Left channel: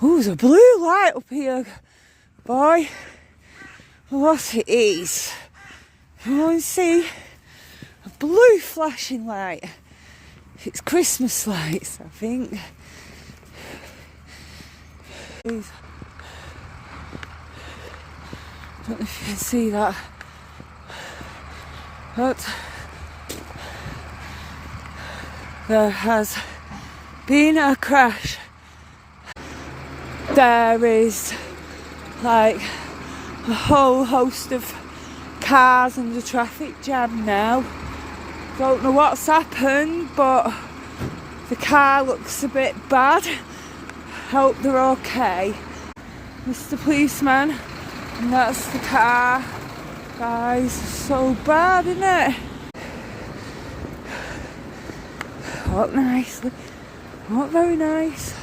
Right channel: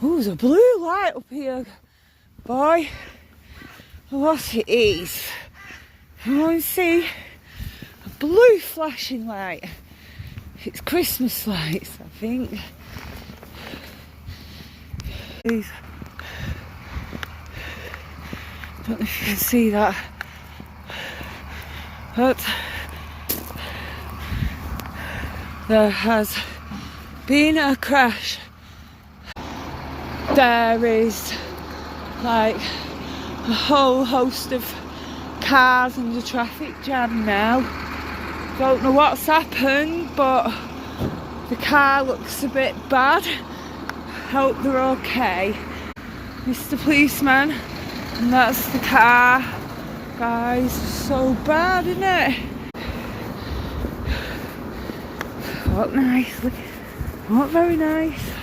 Oh, there's a blue light up here, boy. What it is? I want to see a blue flashing light. It's Christmas lights, I think. Please. I don't know if you can see that, but there has been a crash. There is like a whole host of cars and a traffic jam now. Don't know what's happened, but the car looks a bit bad. Hope they're okay. Mr. Policeman, and that's the car. Guys, so bad, isn't it? Not nicely. Not very nice.